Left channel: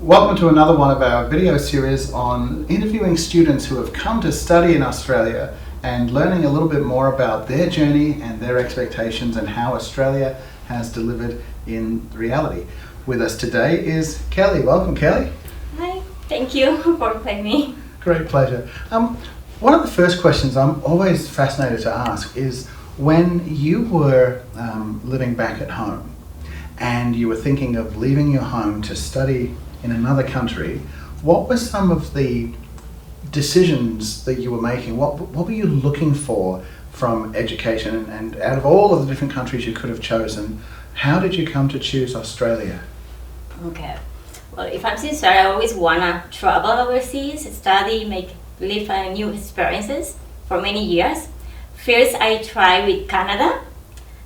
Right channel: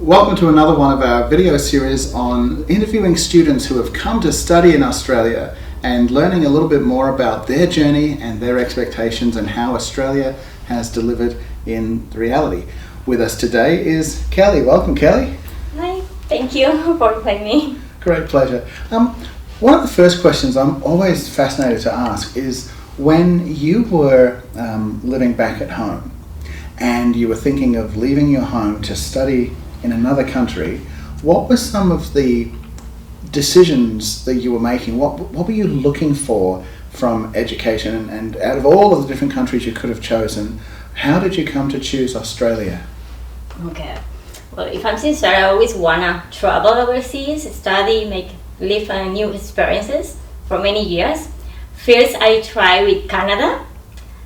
Welcome to another one of our video series on interviewing students who have come to study in Australia and learning a little bit more about their journey and their expectations and how Australia has delivered in reality. With us today is Kelly. Welcome, Kelly. Hi, thank you for inviting me. Great pleasure. One of the first questions I'm always fascinated to ask is when you were living back at home and you were thinking of leaving your home to study in another country, what were some of the decisions that you were making? What were you looking for from education? And out of all of the different countries you could have chosen, how did you come to choose Australia? Okay. Well, if I'm sincere, I always wanna travel overseas, study, live new experiences for many years. First, I tried with Canada,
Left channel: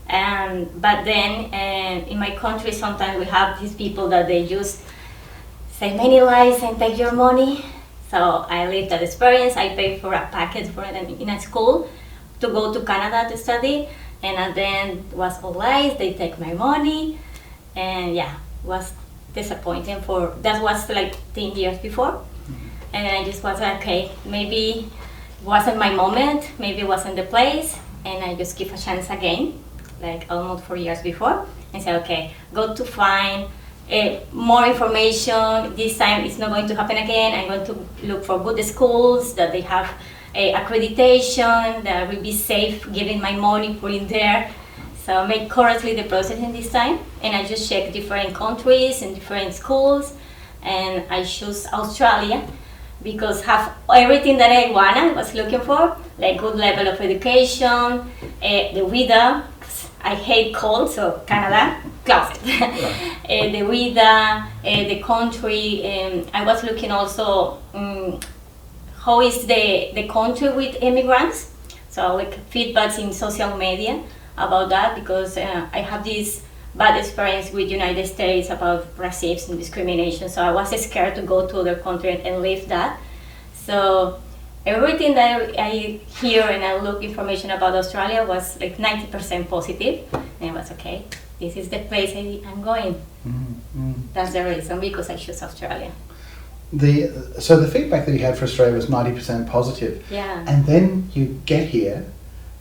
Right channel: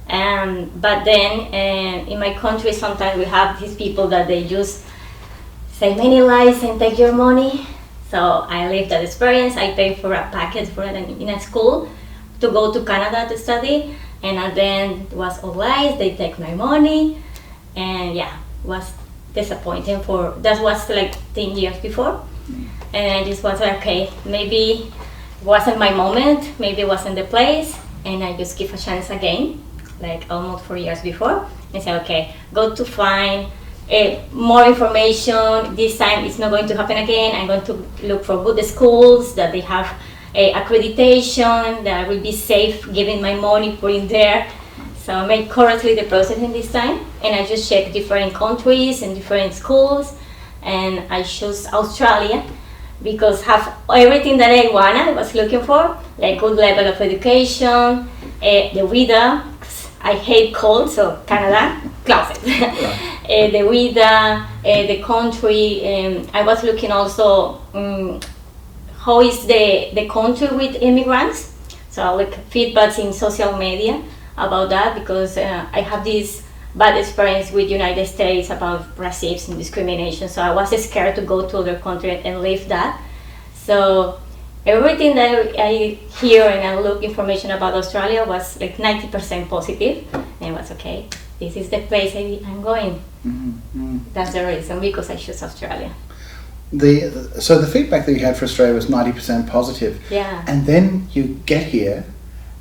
but then in my country, sometimes we have these people that they just say many lies and take your money. So I lived that experience. I paid for a package for it in a school to go to Canada to study, and then it was all lies. They take my money, and yeah, it was disappointing. That was like 10 years before, and I just was like, okay, maybe it wasn't my moment, maybe it wasn't the place, and I just give a chance again, like almost 4 years before, and say, okay, go to find more information. This time it's not going to happen again. I'm going to look for good schools that they have accreditation, that will be safe giving my money, put it there. So make correctly the process in this time, and I just check different countries and different schools, and I chose Australia because have everything that I was looking for, like good level of education, the weather. I hate cold, so Canada, closet. The weather, the country. I was looking also how is the country with immigrants. So like feedbacks in social media about that, because I have this bad experience with United States about racism and discrimination. So I was scared to go to other country and live that. So everything that I hear and I look information about Australia was like 90% positive, and I was okay. This is the place I'm going. Mm-hmm. That's the reason, because I chose Australia. So the feedback that you had for Australia was 90% positive. Yeah. And then you get here,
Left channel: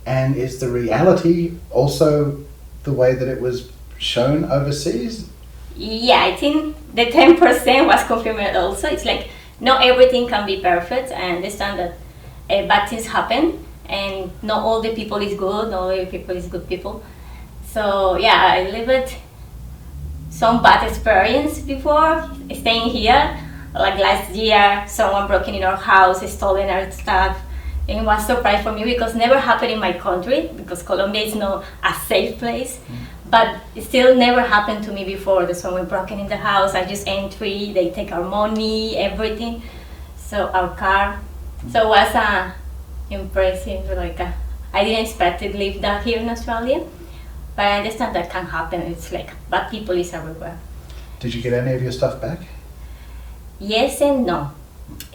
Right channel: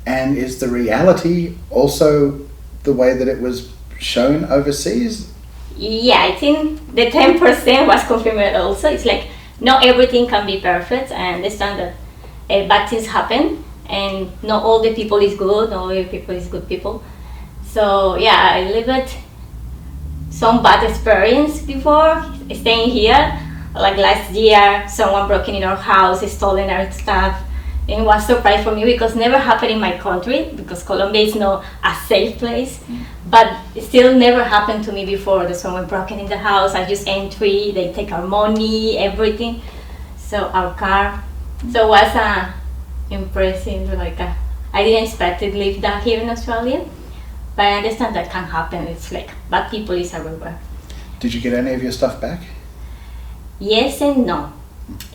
and is the reality also the way that it was shown overseas? Yeah, I think the 10% was confirmed also. It's like not everything can be perfect. I understand that bad things happen, and not all the people is good, not all the people is good people. So yeah, I lived some bad experience before staying here. Like last year, someone broke in our house, stolen our stuff. And it was a surprise for me because it never happened in my country, because Colombia is not a safe place. But it still never happened to me before that someone broke in the house. I just entry, they take our money, everything. So our car. So it was impressive. I didn't expect to live that here in Australia, but I understand that can happen. It's like bad people is everywhere. Did you get any of your stuff back? Yes and no.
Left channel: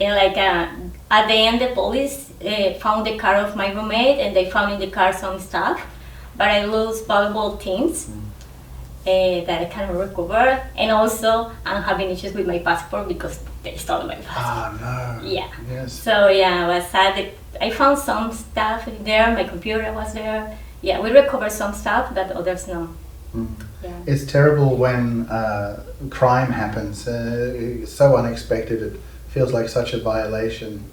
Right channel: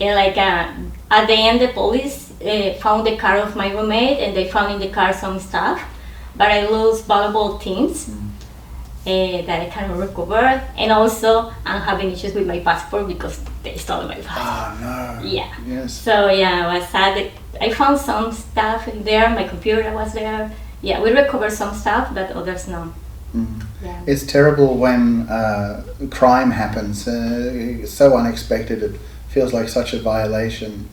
At the end, the police found the car of my roommate, and they found in the car some stuff, but I lost valuable things that I cannot recover, and also I'm having issues with my passport because they stole my passport. Oh no. Yeah. Yes. So yeah, I was sad. I found some stuff in there. My computer was there. Yeah, we recovered some stuff, but others no. Yeah. It's terrible when crime happens. It's so unexpected. It feels like such a violation.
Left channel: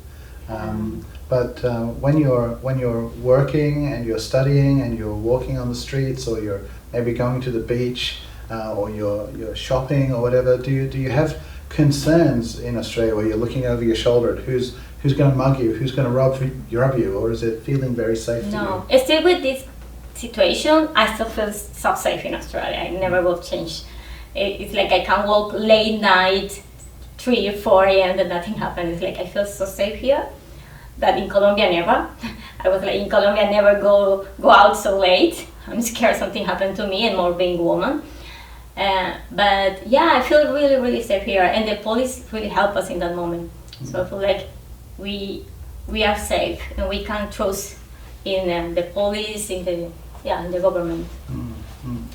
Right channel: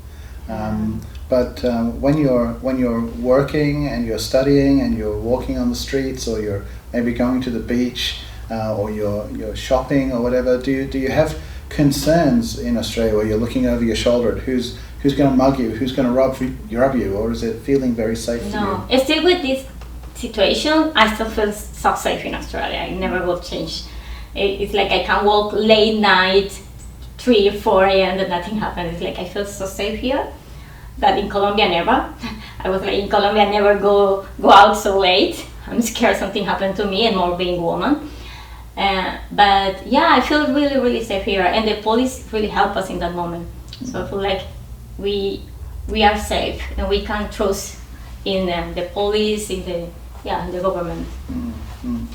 But when you're working and you're studying and you're walking on the streets, or you're maybe going to the beach, or you're shopping or whatever, do you have concerns in Australia where you're looking over your shoulder at who's going to mug you, who's going to rob you, or is it feeling very safe to you? No, still with this situation, I still feel so safe in Australia. I never will change. It's like I can walk late night, 3 or 4 a.m. and nothing happens. It's like I feel so safe here. That in Colombia, never. I was like, in Colombia, I never go out so late. I'm scared something happened to me, and more being a woman. But yeah, I feel really, really safe here, and the police really help us in that moment. So I feel like we are safe, and we can trust in the police, in the government. Mm-hmm.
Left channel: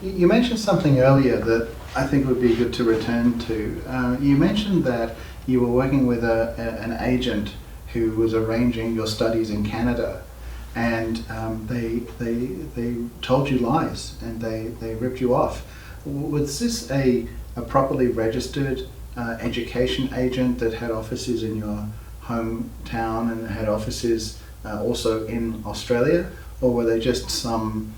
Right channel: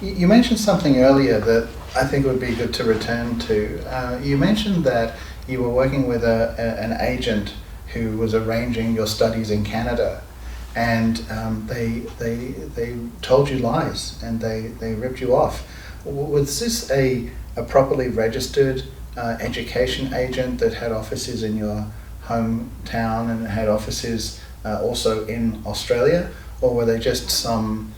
You mentioned something earlier that I think would be good to return to. You mentioned that you were working with an agent who was arranging your studies in Canada, and they told you lies and they ripped you off. Was this a properly registered education agent that had offices in your hometown and had offices also in Australia, or were they just some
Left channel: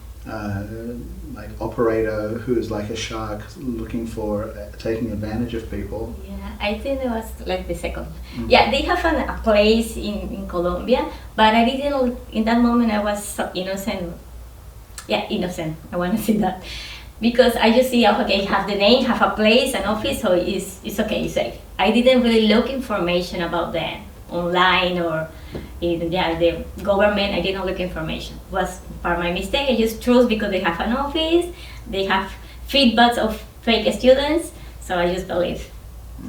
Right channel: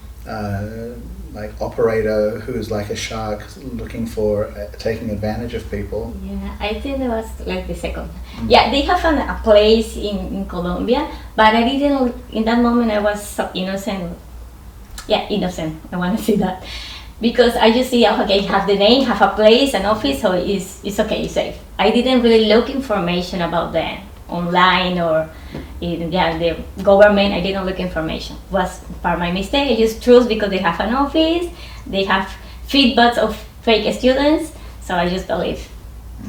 like operator who is like a shark looking for taking advantage of people? Yeah, I think it was like the second. Yeah, they have a place in Colombia, but I didn't, in that moment I was so innocent. Yeah, innocent, I want to say that. Because I just see, okay, have the name, have a place, an office, so it's okay, it's safe. I didn't really look information about them online or in the government. I didn't look information. It was part of my mistake. I just trust because they have an office, they have feedbacks of fake students, so I just believe.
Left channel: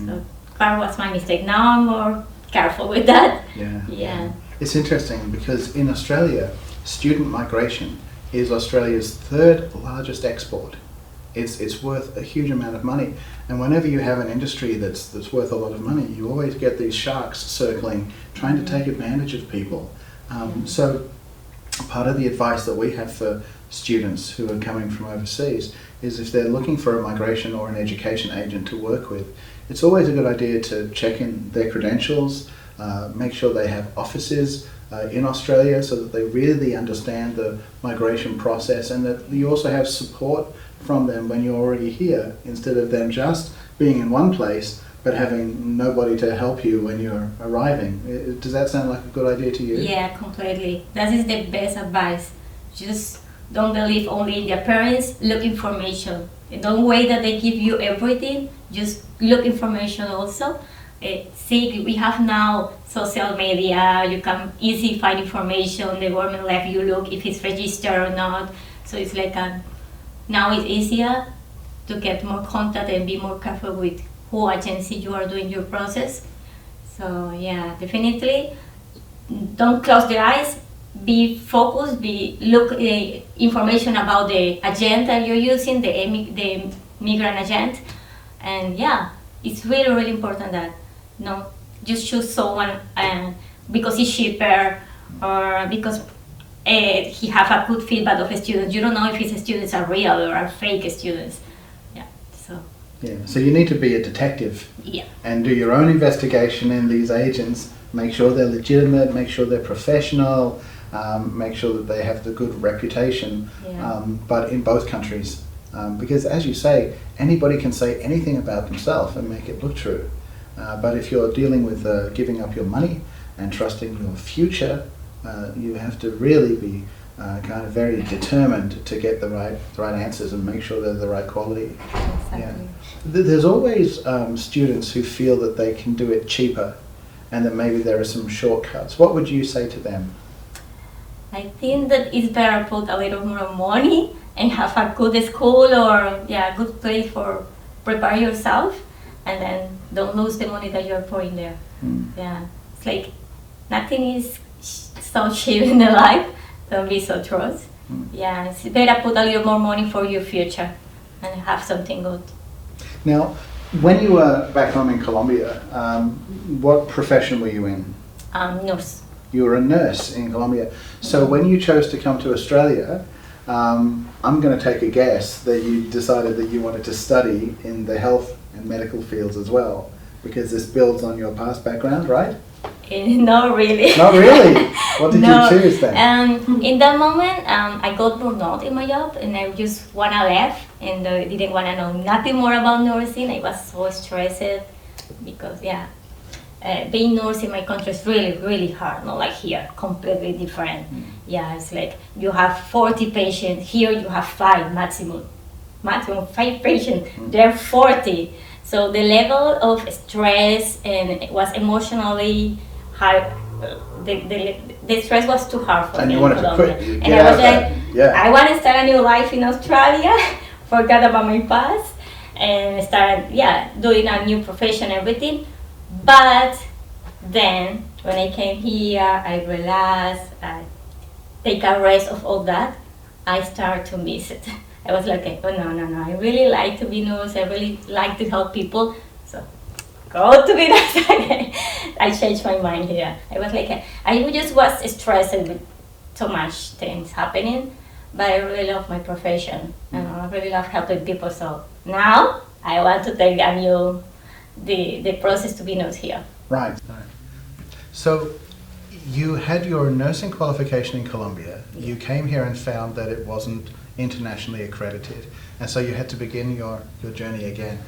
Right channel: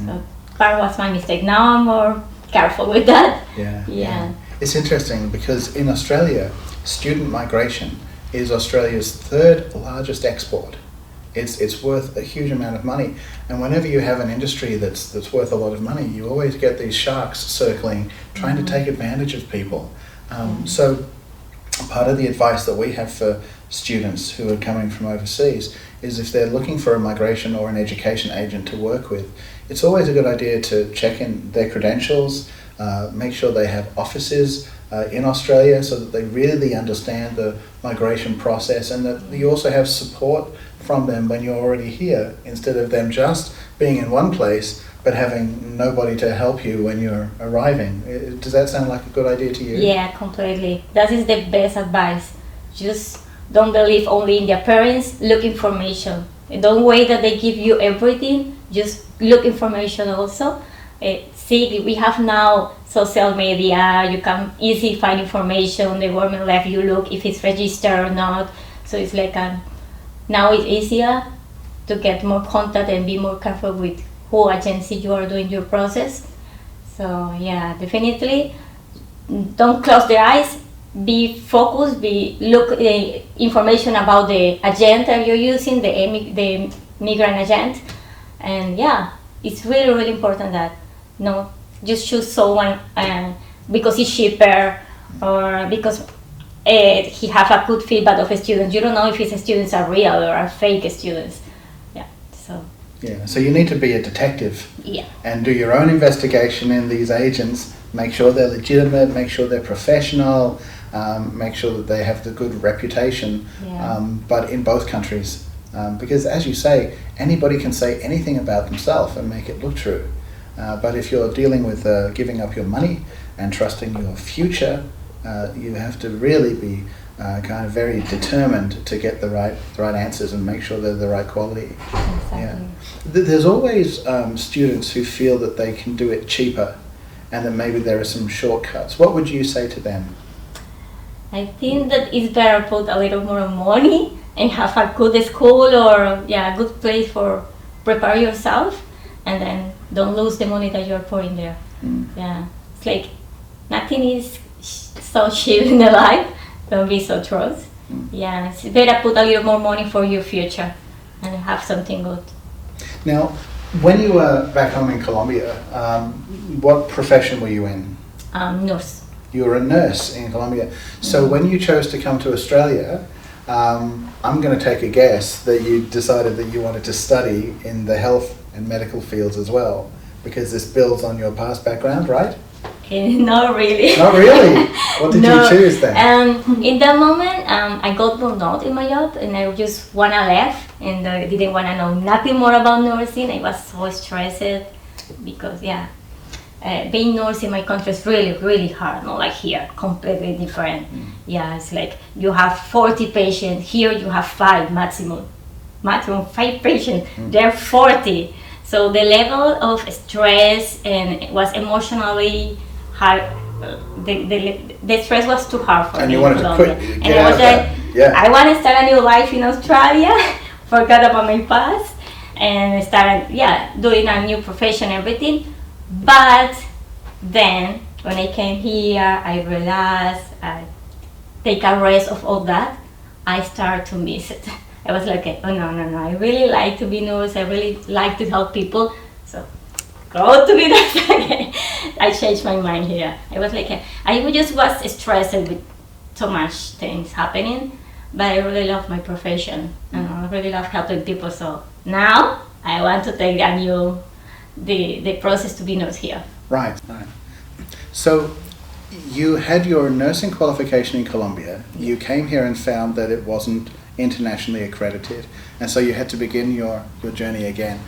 So part was my mistake. Now I'm more careful with that. Yeah. It's interesting because in Australia, student migration is Australia's third largest export. It's worth a huge amount of money, and whenever you have an industry that's worth a lot of money, you always get these sharks circling, trying to take advantage of people. So part of the advice that we have for students who are coming from overseas is if they're looking for a migration or an education agent to work with, it's always a good idea to check in their credentials, make sure they have offices in Australia so that they really understand the migration process, and that you also have support from them when you're already here, instead of them just being in one place but having nobody to help you when you're arriving. Does that sound like a good idea to you? Yeah, completely. That is the best advice. Just don't believe only in their parents. Look information. Don't wait that they give you everything. Just look information also. See, we have now social media. You can easily find information. The government let you look if it's registered or not. So it's like now it's easier to get more contact and be more careful with who agency you are doing your process. So yeah, definitely don't close the eyes. Be focused. Look information about the agent that you're using, the migrant agent, and yeah, it's really important that just choose someone because it's cheaper or because he have a good feedback of students. You don't know if his students are real or are fake students. So you need to be a detective and do your own investigation in these agents. Make sure they're legitimate, make sure they're professional, make sure that they have the good reputation, but in both countries. Because as you say, anybody can say anything about themselves and make it look true. But if you're dealing with giving up your money and trusting your future, you have to really be kind of very determined to get the right answers and make sure they're the right quality. Exactly. Yeah. There's always students who feel that they can do it cheaper and that maybe there are some shortcuts. What would you say to them? I think that it's better put a little more money and have a good school or a good place for prepare yourself, and then don't lose the money that you're pouring there. Yeah, it's like nothing is so cheap in the life. Don't be so trust. Yeah, it's better put a little more money for your future and have something good. Now, when you were back home in Colombia, what profession were you in? Nurse. You were a nurse in Colombia. So when you chose to come to Australia, I'm going to take a guess that you decided that you wanted to study in the health and medical fields as well, because this builds on your past background, right? Not really. Not really? What did you choose then? In that moment, I got burned out in my job and I just wanna leave and I didn't wanna know nothing more about nursing. I was so stressed because being nurse in my country is really, really hard, not like here, completely different. Yeah, it's like you have 40 patients, here you have 5 maximum 5 patients, they're 40. So the level of stress and it was emotionally hard. The stress was too hard for me. And you wanted to quit. And I was like, I want to start a new life in Australia, forget about my past, and start doing a new profession, everything. But then when I came here, I realized I take a rest of all that. I started to miss it. I was like, oh no, no, no, I really like to be nurse, I really like to help people, so go to be nurse again. I changed my mind here. I was like, I just was stressed with so much things happening, but I really love my profession and I really love helping people. So now I want to take the process to be nurse here. Right. So you had your nursing qualification in Colombia. You came here and found that it wasn't internationally accredited, and so you had to begin your journey again.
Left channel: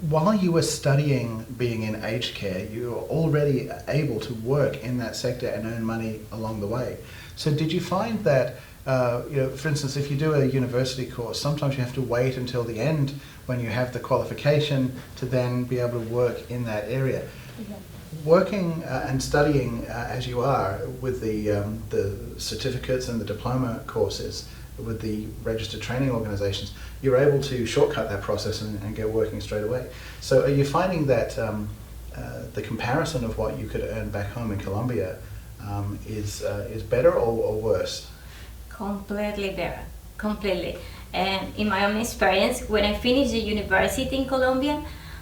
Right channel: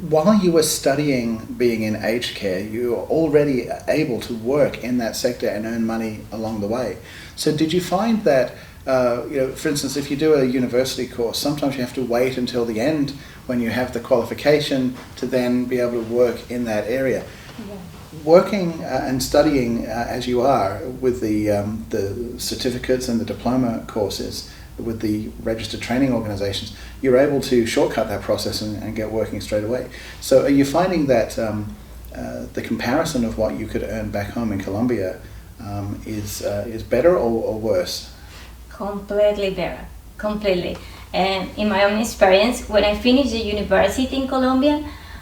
While you were studying being in aged care, you were already able to work in that sector and earn money along the way. So did you find that, for instance, if you do a university course, sometimes you have to wait until the end when you have the qualification to then be able to work in that area? Yeah. Working and studying as you are with the certificates and the diploma courses, with the registered training organizations, you're able to shortcut that process and get working straight away. So are you finding that the comparison of what you could earn back home in Colombia is better or worse? Completely better, completely. And in my own experience, when I finished the university in Colombia,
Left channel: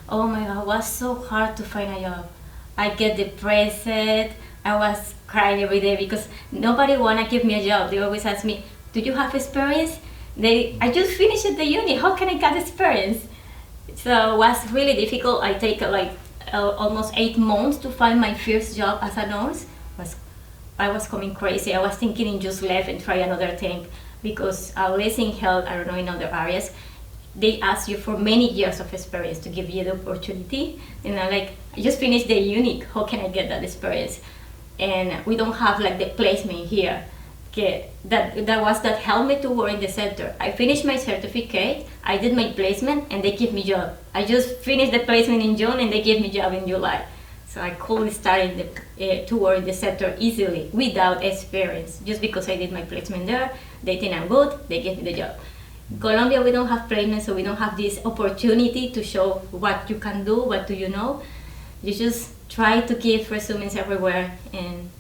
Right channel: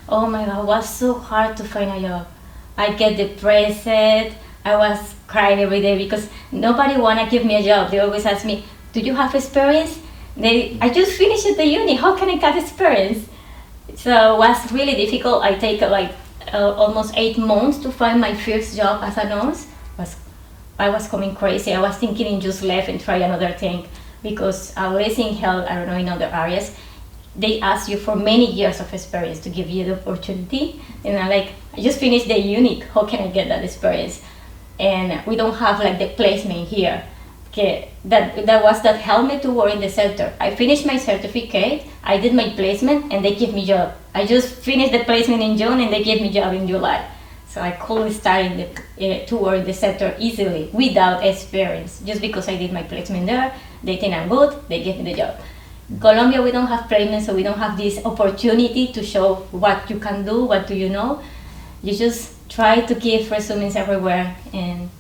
oh my God, it was so hard to find a job. I get depressed, I was crying every day because nobody wanna give me a job. They always ask me, do you have experience? I just finished the uni, how can I get experience? So it was really difficult. I take almost 8 months to find my first job as a nurse. I was coming crazy. I was thinking in just leave and try another thing, because at least in health, I don't know, in other areas, they ask you for many years of experience to give you the opportunity. And I'm like, I just finished the uni, how can I get that experience? And we don't have like the placement here. Okay, that helped me to work in the sector. I finished my certificate, I did my placement, and they give me job. I just finished the placement in June, and they gave me job in July. So I could start to work in the sector easily without experience. Just because I did my placement there, they think I'm good, they gave me the job. In Colombia, we don't have placement, so we don't have this opportunity to show what you can do, what do you know. You just try to give resumes everywhere, and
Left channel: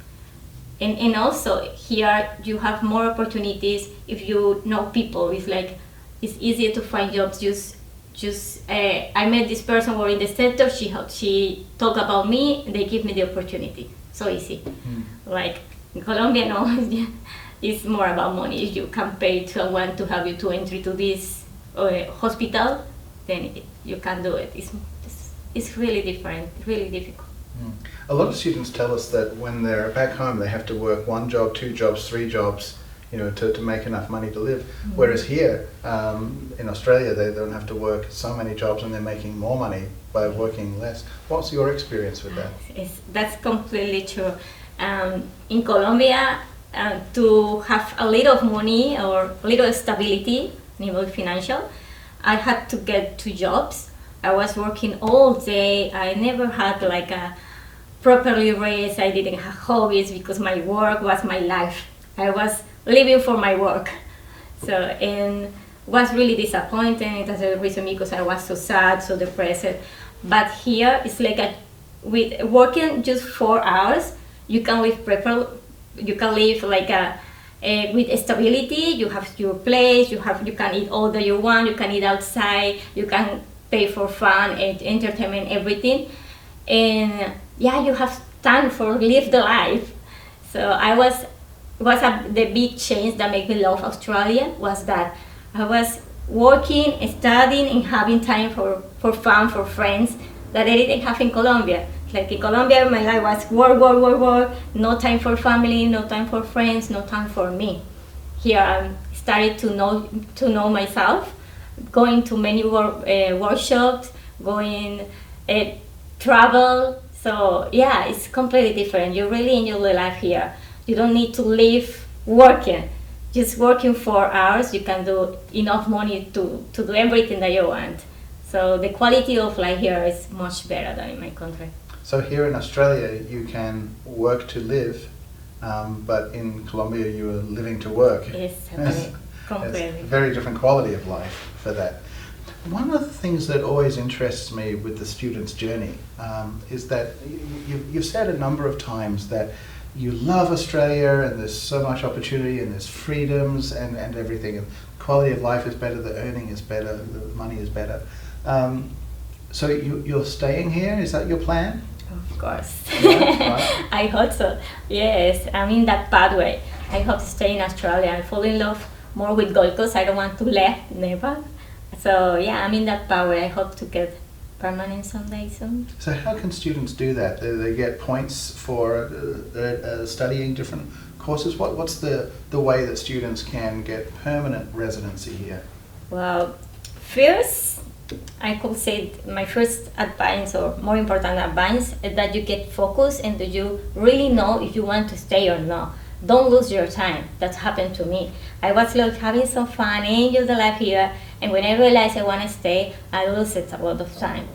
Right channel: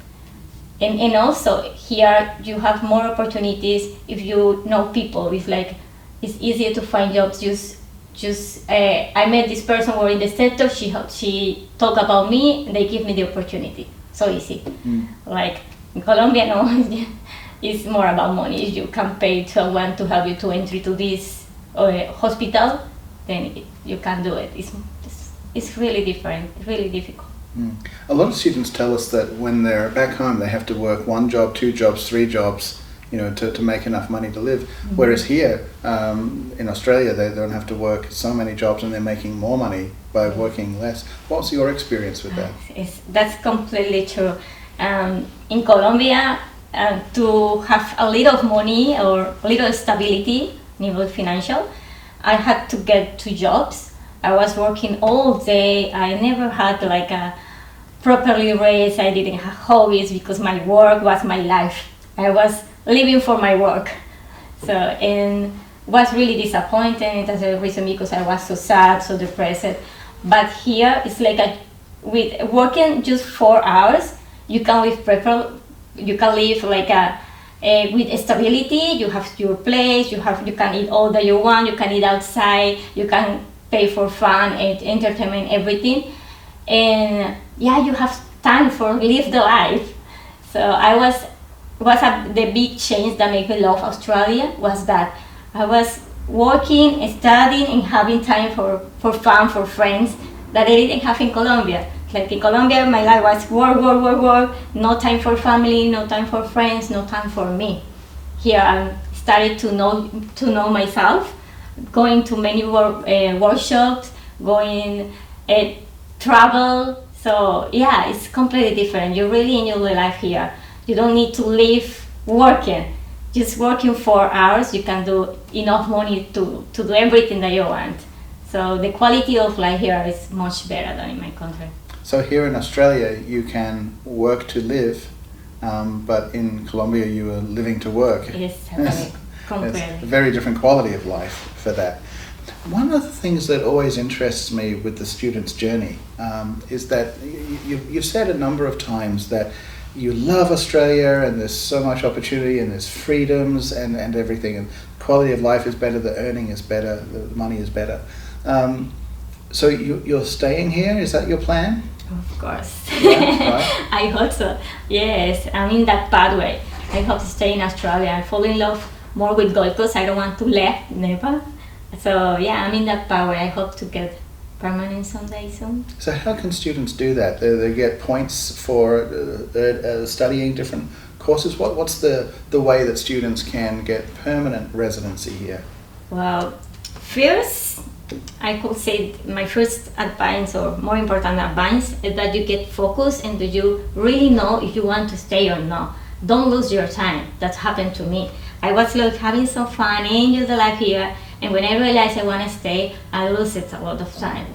also here you have more opportunities if you know people. It's easier to find jobs. I met this person who in the sector. She talked about me and they give me the opportunity. So easy. Like in Colombia, no, it's more about money. If you can pay someone to help you to enter to this hospital, then you can do it. It's really different. Really difficult. A lot of students tell us that when they're back home, they have to work 1 job, 2 jobs, 3 jobs, to make enough money to live. Whereas here in Australia, they don't have to work so many jobs and they're making more money by working less. What's your experience with that? That's completely true. In Colombia, to have a little money or a little stability, financial, I had to get 2 jobs. I was working all day. I never had like a properly raised. I didn't have hobbies because my work was my life. I was living for my work. So, and was really disappointing. That's the reason, because I was so sad, so depressed. But here it's like with working just 4 hours, you can live like with stability. You have your place. You can eat all that you want. You can eat outside. You can pay for fun and entertainment, everything, and you have time for live the life. So the big change that made me love Australia was that I was working, studying, and having time for fun, for friends that I didn't have in Colombia. Like in Colombia, my life was work, no time for family, no time for friends, no time for me. Here I started to know myself, going to many workshops, going travel. So it's completely different. You really enjoy the life here. You don't need to live working. Just working 4 hours, you can do enough money to do everything that you want. So the quality of life here is much better than in my country. So here in Australia, you can work to live, but in Colombia, you are living to work. Yes, completely. It's a very different quality of life for that. One of the things that always interests me with the student's journey is that you've said a number of times that you love Australia and there's so much opportunity and there's freedoms and everything, and quality of life is better, the earning is better, the money is better. So you're staying here? Is that your plan? Of course. Wow. I hope so. Yes, I'm in that pathway. I hope to stay in Australia. I fall in love more with Gold Coast. I don't want to leave Nepal. So yeah, I'm in that pathway. I hope to get permanent someday soon. So how can students do that? They get points for studying different courses. What's the way that students can get permanent residency here? Well, first, I could say my first advice, or more important advice, is that you get focused and that you really know if you want to stay or not. Don't lose your time. That happened to me. I was like having some fun, enjoy the life here, and when I realized I want to stay, I lose it a lot of time.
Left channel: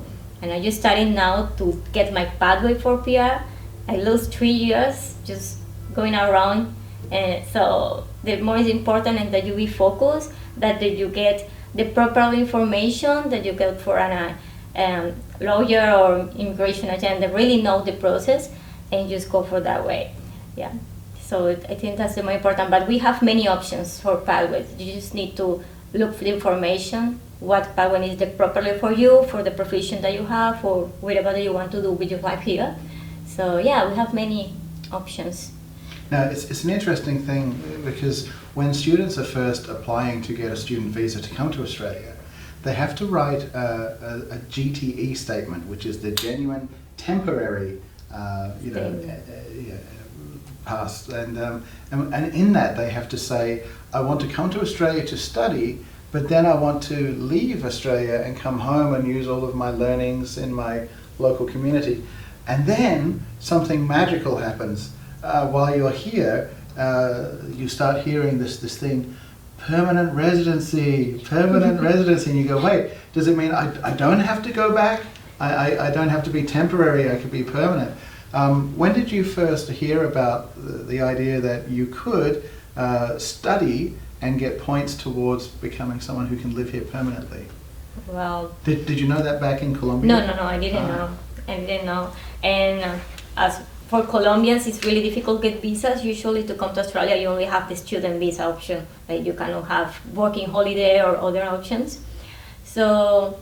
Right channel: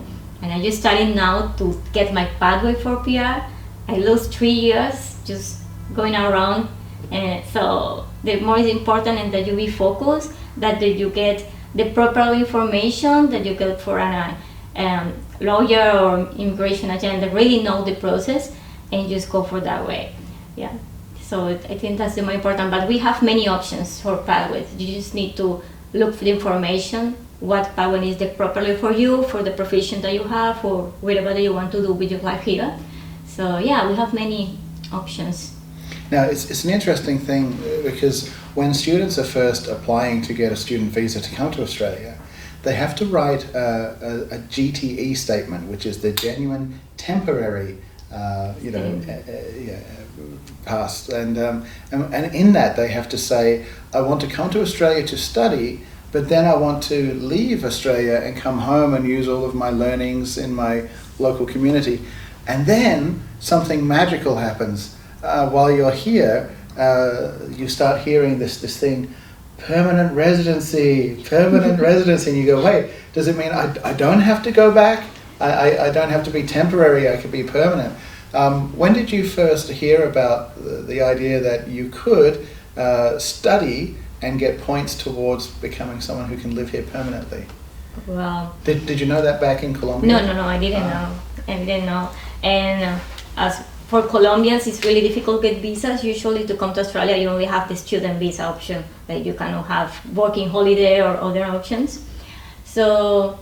And I just started now to get my pathway for PR. I lost 3 years just going around, and so the more is important is that you be focused, that you get the proper information, that you get for an lawyer or immigration agent that really know the process, and just go for that way. Yeah. So I think that's the more important. But we have many options for pathways. You just need to look for the information, what pathway is the properly for you, for the profession that you have, or whatever that you want to do with your life here. So yeah, we have many options. Now, it's an interesting thing because when students are first applying to get a student visa to come to Australia, they have to write a GTE statement, which is the genuine temporary, pass. And in that they have to say, I want to come to Australia to study, but then I want to leave Australia and come home and use all of my learnings in my local community. And then something magical happens. While you're here, you start hearing this thing, permanent residency, and you go, wait, does it mean I don't have to go back? I don't have to be temporary, I could be permanent. When did you first hear about the idea that you could study and get points towards becoming someone who can live here permanently? Well, did you know that back in Colombia? No, I didn't know. I didn't know. And as for Colombians, it's really difficult to get visas. Usually to come to Australia, you only have the student visa option. Like you cannot have working holiday or other options. So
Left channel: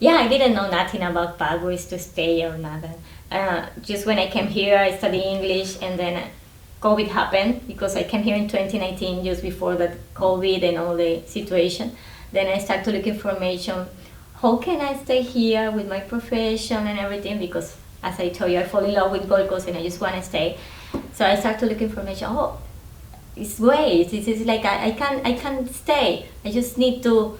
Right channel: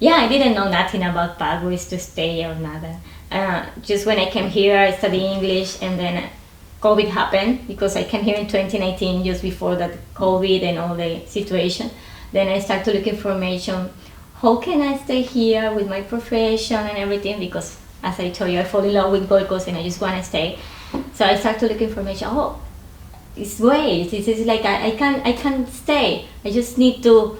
yeah, I didn't know nothing about pathways to stay or nothing. Just when I came here, I studied English, and then COVID happened because I came here in 2019, just before that COVID and all the situation. Then I started to look information. How can I stay here with my profession and everything? Because as I told you, I fall in love with Gold Coast and I just want to stay. So I started to look information. Oh, it's great. This is like I can stay. I just need to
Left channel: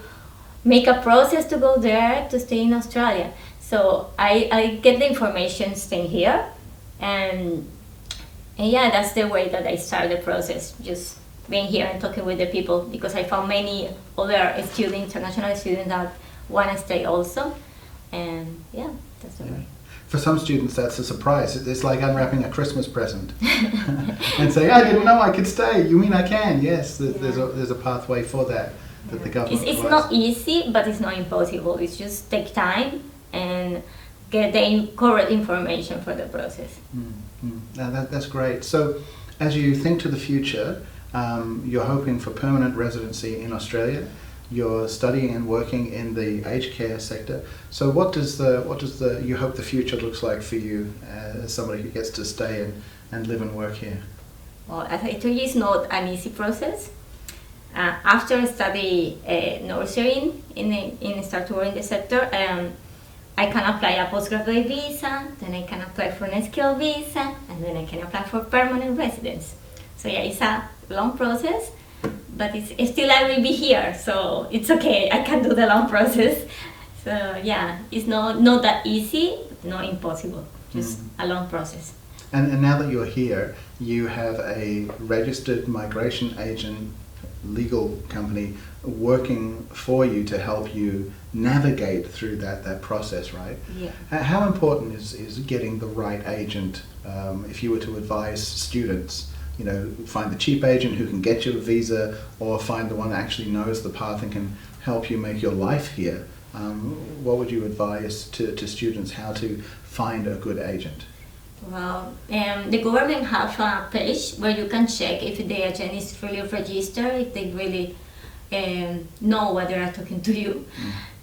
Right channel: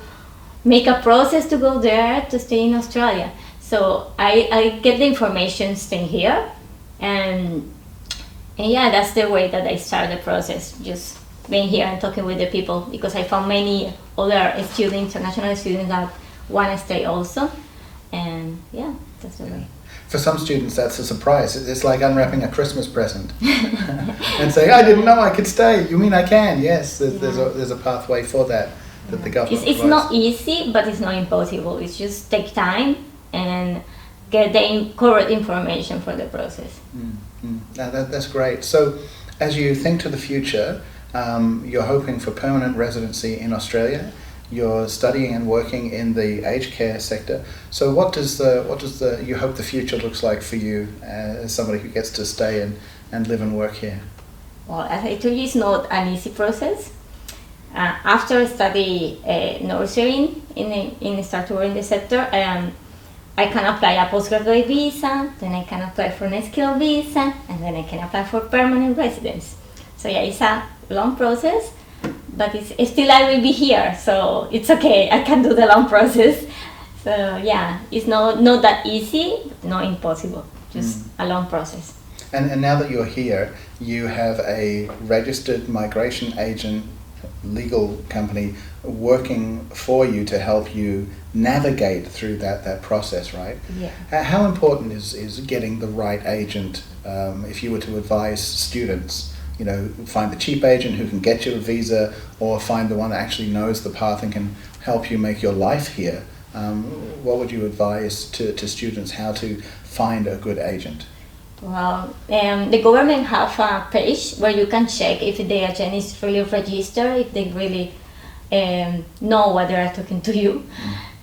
make a process to go there to stay in Australia. So I get the information staying here, and yeah, that's the way that I start the process. Just being here and talking with the people, because I found many other students, international students that want to stay also, and yeah, that's the way. For some students, that's a surprise. It's like unwrapping a Christmas present and saying, "I didn't know I could stay." You mean I can? Yes, there's a pathway for that the government It's not easy, but it's not impossible. It's just take time and get the correct information for the process. Now that's great. So, as you think to the future, you're hoping for permanent residency in Australia. You're studying and working in the aged care sector. So what does you hope the future looks like for you as somebody who gets to stay and live and work here? Well, as I told you, it's not an easy process. After I study nursing in start to work in the sector, I can apply a postgraduate visa, then I can apply for a skilled visa, and then I can apply for permanent residence. So yeah, it's a long process. But it's still I will be here, so it's okay. I can do the long process. So yeah, it's not that easy, not impossible. Just a long process. And now that you're here, you have a registered migration agent legal company working for you to help you navigate through that process, right? Yeah. How important is getting the right agent if you were to advise students? You know, find the cheap agent who can get you a visa, or find the one that actually knows the path and can help you make your life here. What would you advise to students how to find a good agent? Well, the government have a page where you can check if the agent is really registered, if they really know what they are talking to you.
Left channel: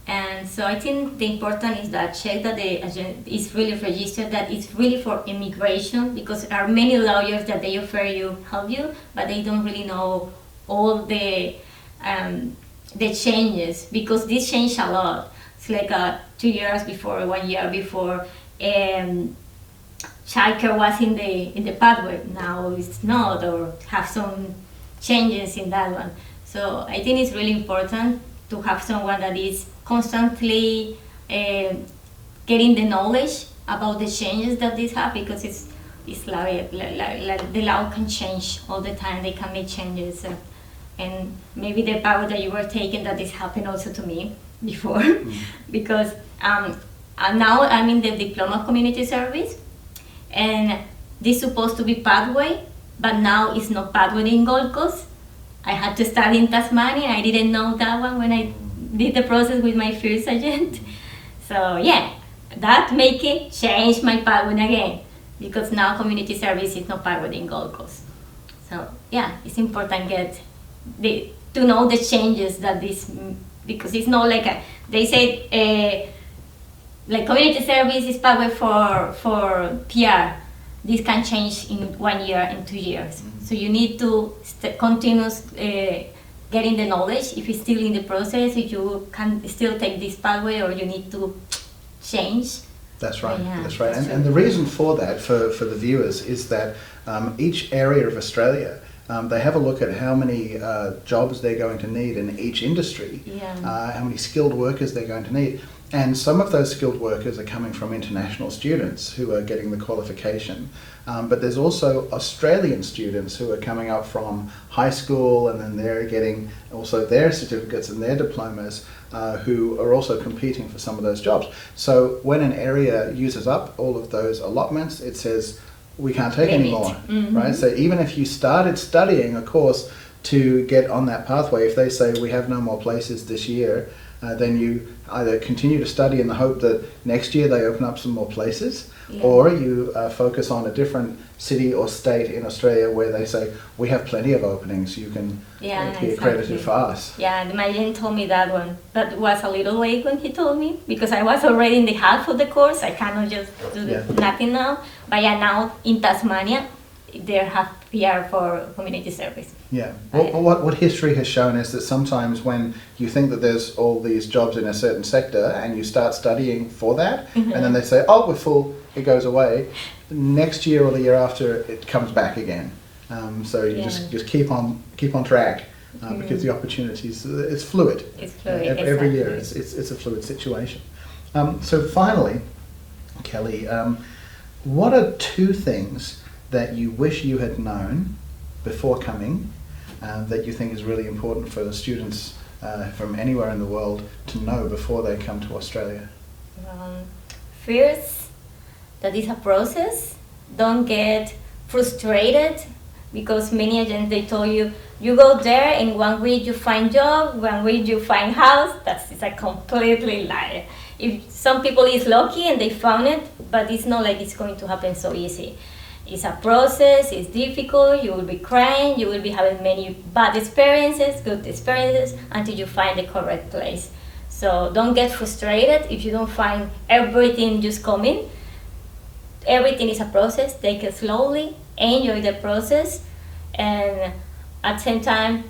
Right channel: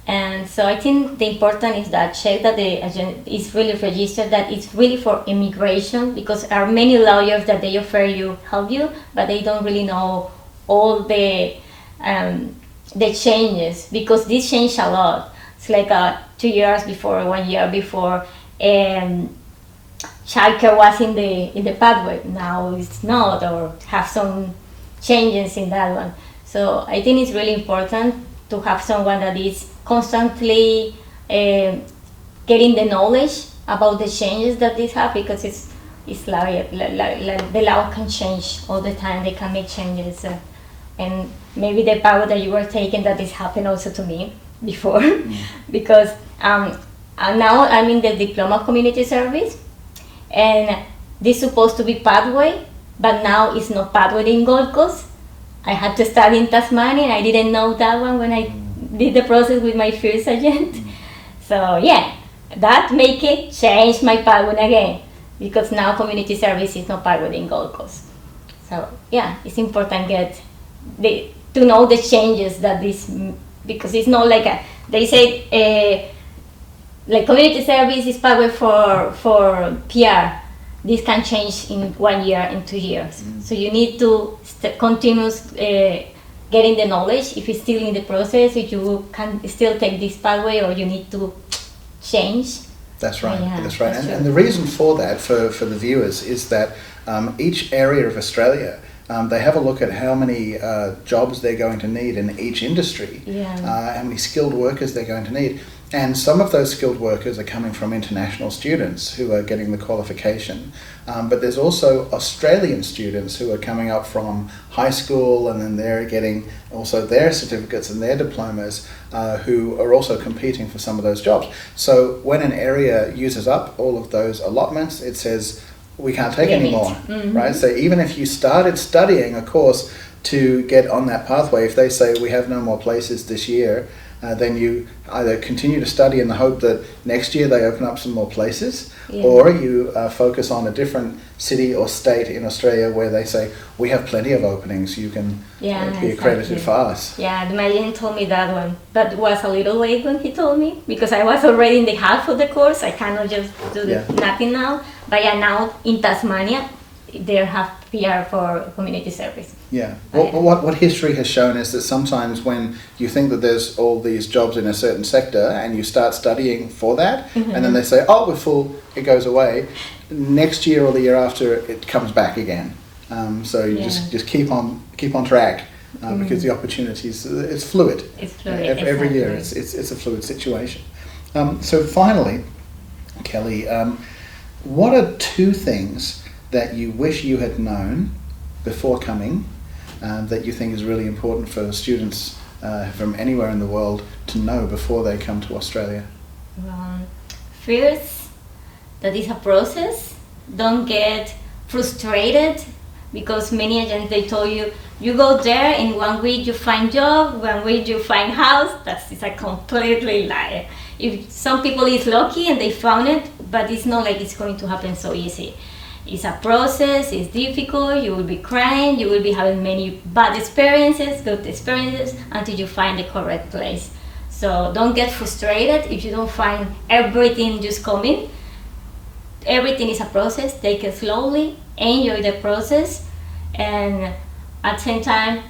And so I think the important is that check that the agent is really registered, that it's really for immigration, because there are many lawyers that they offer you help you, but they don't really know all the changes, because this changed a lot. It's like 2 years before, 1 year before, childcare was in the pathway. Now it's not, or have some changes in that one. So I think it's really important to have someone that is constantly getting the knowledge about the changes that this have, because it's like the law can change all the time. They can make changes, and maybe the power that you were taking, that this happened also to me before, because now I'm in the diploma of community service, and this is supposed to be pathway, but now it's not pathway in Gold Coast. I had to start in Tasmania, and I didn't know that one when I did the process with my first agent. So yeah, that make it change my pathway again, because now community service is not pathway in Gold Coast. So yeah, it's important to know the changes that this, because it's not like they say like community service is pathway for PR. This can change in 1 year, in 2 years. So you need to continue getting the knowledge. If it's still in the process, if you can still take this pathway, or you need to change. That's right. Yeah, that's right. that's And the reason for that, for the viewers, is that each area of Australia, they have a look at how many jobs they're going to need in each industry, how many skilled workers they're going to need. And some of those skilled workers are coming from international students who are getting the qualification. But there's also Australian students who are coming up from high school, and then they're getting also their certificates and their diplomas, who are also competing for some of those jobs. So when an area uses up all of those allotments, it says, we can't take any more, right? So even if you started studying a course to get on that pathway, if they say we have no more places this year, then you either continue to study in the hope that next year they open up some more places, or you focus on a different city or state in Australia where they say, we have plenty of openings, you can be accredited fast. Yeah, my agent told me that one, but it was a little late when he told me, because I was already in the half of the course. I cannot just do nothing now. But yeah, now in Tasmania, they have PR for community service. Yeah. What history has shown is that sometimes when you think that there's all these jobs in a certain sector and you start studying for that, and then they say, oh, we're full, it goes away. Next year or the year after, it comes back again. So you just keep on track, because the opportunities, it's fluid. It's fluid. Every year, it's a fluid situation. So finally, Kelly, what are 2 things that you wish you had known before coming, that you think is really important for students from anywhere in the world to know before they come to Australia? First, that is a process. Don't get frustrated, because many agents, they told you, you go there, in 1 week you find job, 1 week you find house. That's a completely lie. If some people is lucky and they found it, but it's not like it's going to happen so easy. It's a process, it's difficult, you will be crying, you will be having many bad experiences, good experiences, until you find the correct place. So don't get frustrated if you don't find everything just coming. Everything is a process. Take it slowly, enjoy the process, and at the same time,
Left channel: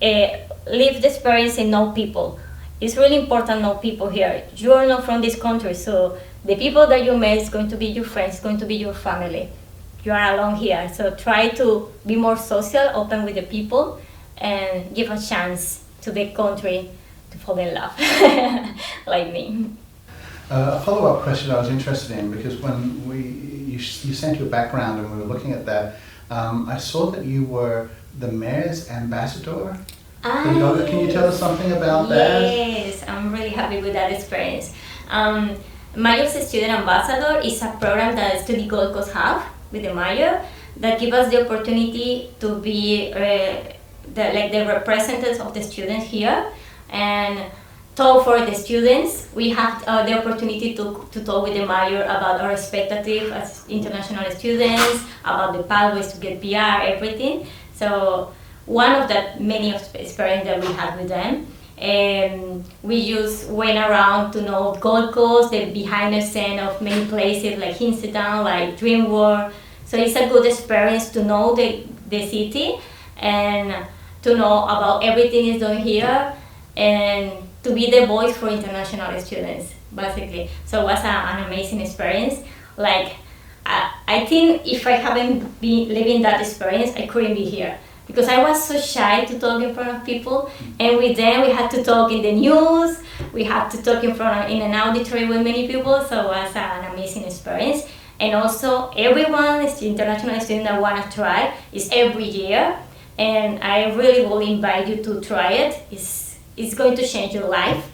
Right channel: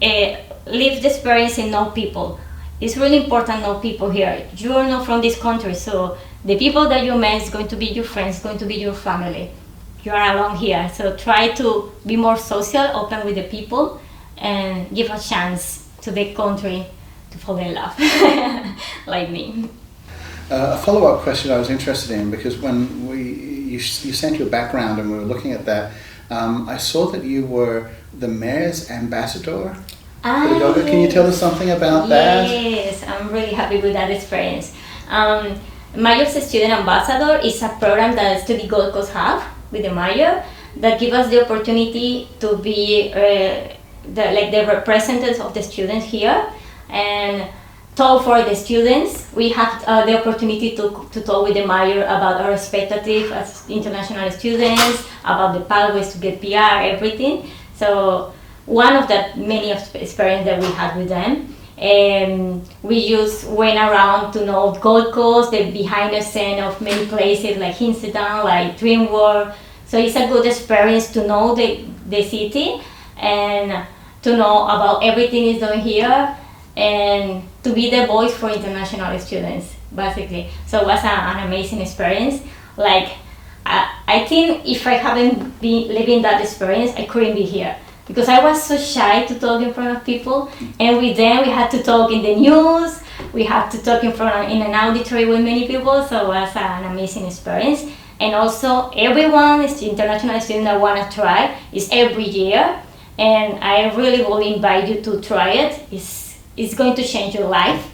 live the experience and know people. It's really important to know people here. You are not from this country, so the people that you met is going to be your friends, going to be your family. You are alone here, so try to be more social, open with the people, and give a chance to the country to fall in love, like me. A follow-up question I was interested in, because when you sent your background and we were looking at that, I saw that you were the mayor's ambassador. Can you tell us something about that? Yes, I'm really happy with that experience. Mayor's Student Ambassador is a program that Study Gold Coast have with the mayor, that give us the opportunity to be the representatives of the students here, and talk for the students. We have the opportunity to talk with the mayor about our expectative as international students, about the pathways to get PR, everything. So one of the many of the experience that we had with them. We just went around to know Gold Coast, the behind the scene of many places like Hinsedown, like Dream World. So it's a good experience to know the city and to know about everything is done here and to be the voice for international students, basically. So it was an amazing experience. Like, I think if I haven't been living that experience, I couldn't be here. Because I was so shy to talk in front of people, and with them we had to talk in the news, we had to talk in an auditory with many people, so it was an amazing experience. And also everyone is the international student that want to try, is every year, and I really will invite you to try it. It's going to change your life.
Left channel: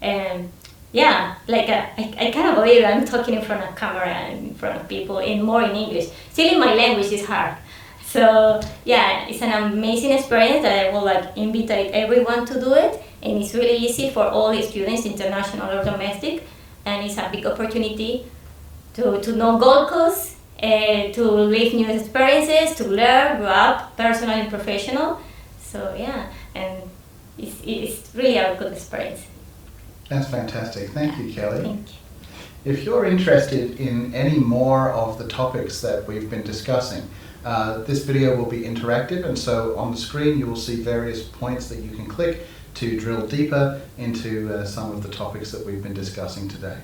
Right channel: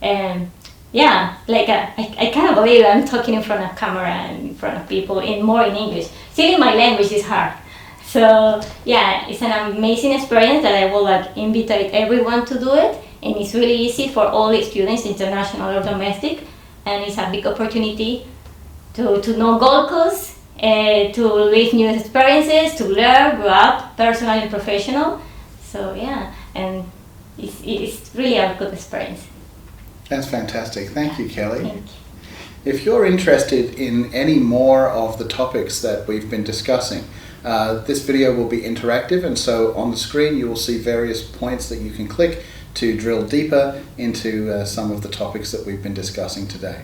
And yeah, like I can't believe I'm talking in front of camera and in front of people and more in English. Still, my language is hard. So yeah, it's an amazing experience that I will invite everyone to do it, and it's really easy for all the students, international or domestic, and it's a big opportunity to know Gold Coast, to live new experiences, to learn, grow up, personal and professional. So yeah, and it's really a good experience. That's fantastic. Thank you, Kelly. Thank you. If you're interested in any more of the topics that we've been discussing, this video will be interactive, and so on the screen you will see various points that you can click to drill deeper into some of the topics that we've been discussing today.